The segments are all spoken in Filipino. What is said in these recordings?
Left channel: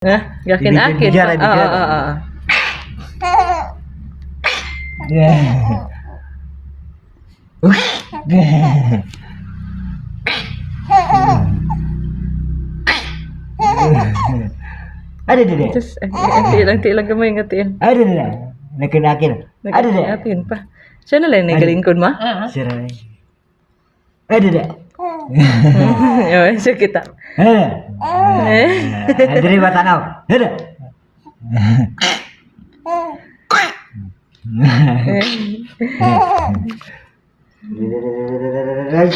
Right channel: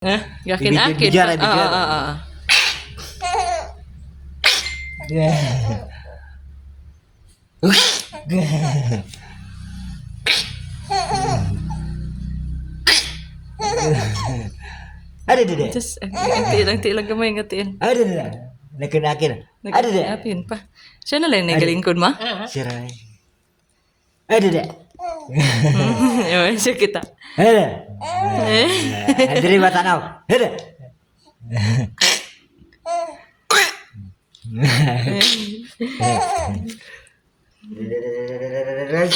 Hah? Yakin-akin Bigyan, pa. bigyan. Oo. Ada deh. Just, angti lang gamay ng atiin. Ada deh. Nakin. Ada deh. Nag-apin pa. Siya na lang nagalingkod ma. Sirai. Ada deh. Yun, siya kita. Ada. Eh? Ada mata nau. Ada. Ada.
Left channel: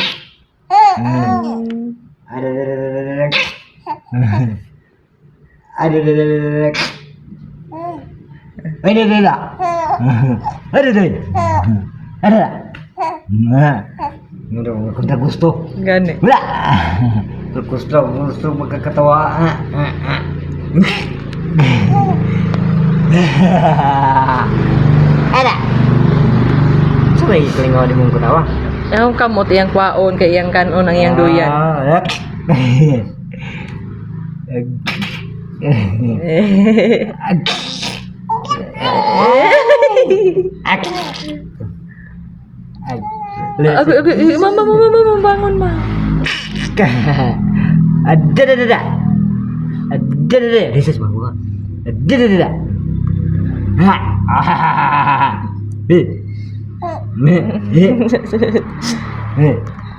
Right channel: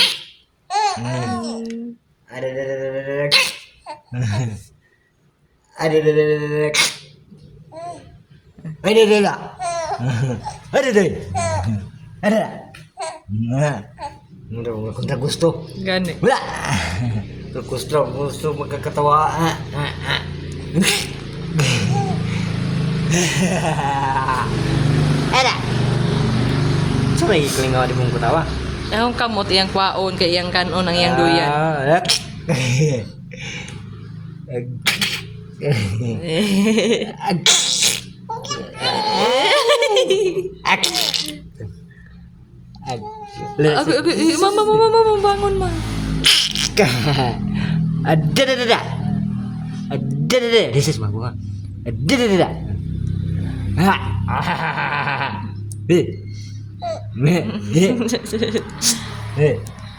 Ada. Ada deh. Ada. Nah. Kontra gusto. Gani. Wala. Gusto magkakatawa. Ada. Sabay kelingawan di mong katawa. Yung kamot, iyang kwaon, kay iyang kanon, ang iyang duyan. Mama, bangon ma. Ada. This is my one. Ada.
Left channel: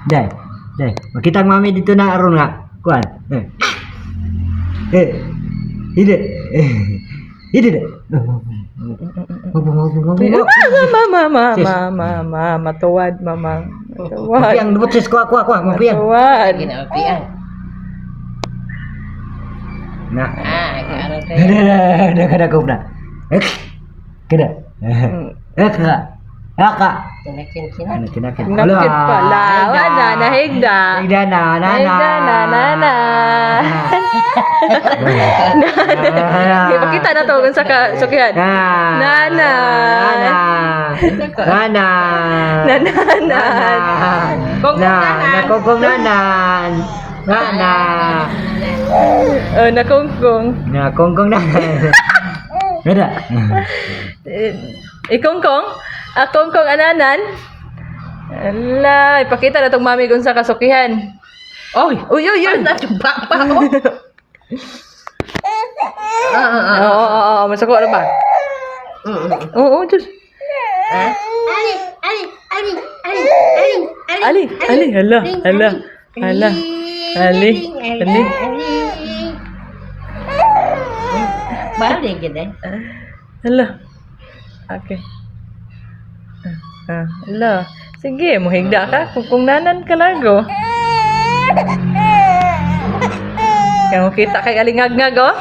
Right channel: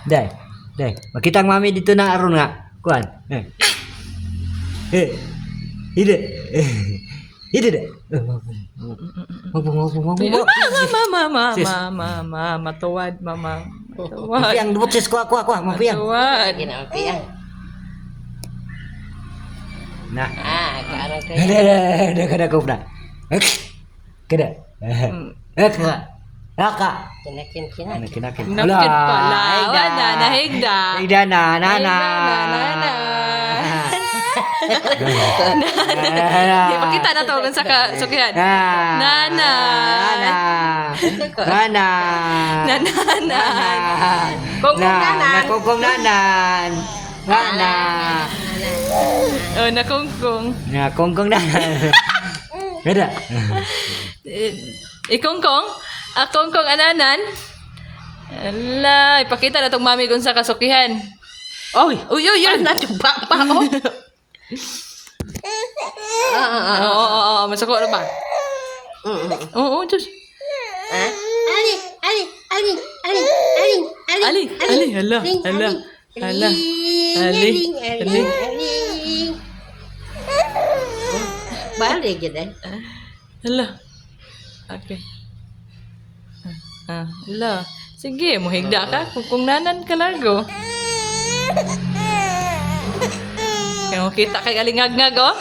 Dai. Makita ang mami dito na aron nga. Kuan. Ide. Mama, tuwad, mama. Tuwad. Mafiang butsis kuha. Mafiang. Tuwad. Ginapian. Nah. Kaarang tayo. Kada kau dah. Kada. Aka. Kinakin-kinan. Kinakin. Nakit pala. Wala, nahigda. Higda na. Ipakita na to kung sa sukihan. Nana. Nakongkong nanan. Oh, nakongkong. Nakongkong nanan. Ada. Ikongkong? Akongkong ananan? Ala, ipakita na tong mami kung sa kasukihan. Uy! Nachumpa pa ako. Oo, masako na ba? Oo, Diyos. Ali, hala. Balik gitu. Hala. Okay. Hala. Sige, muhigda ka. Kung nanan ka largo. Kaya mo kita kay alingag-ngag, oh.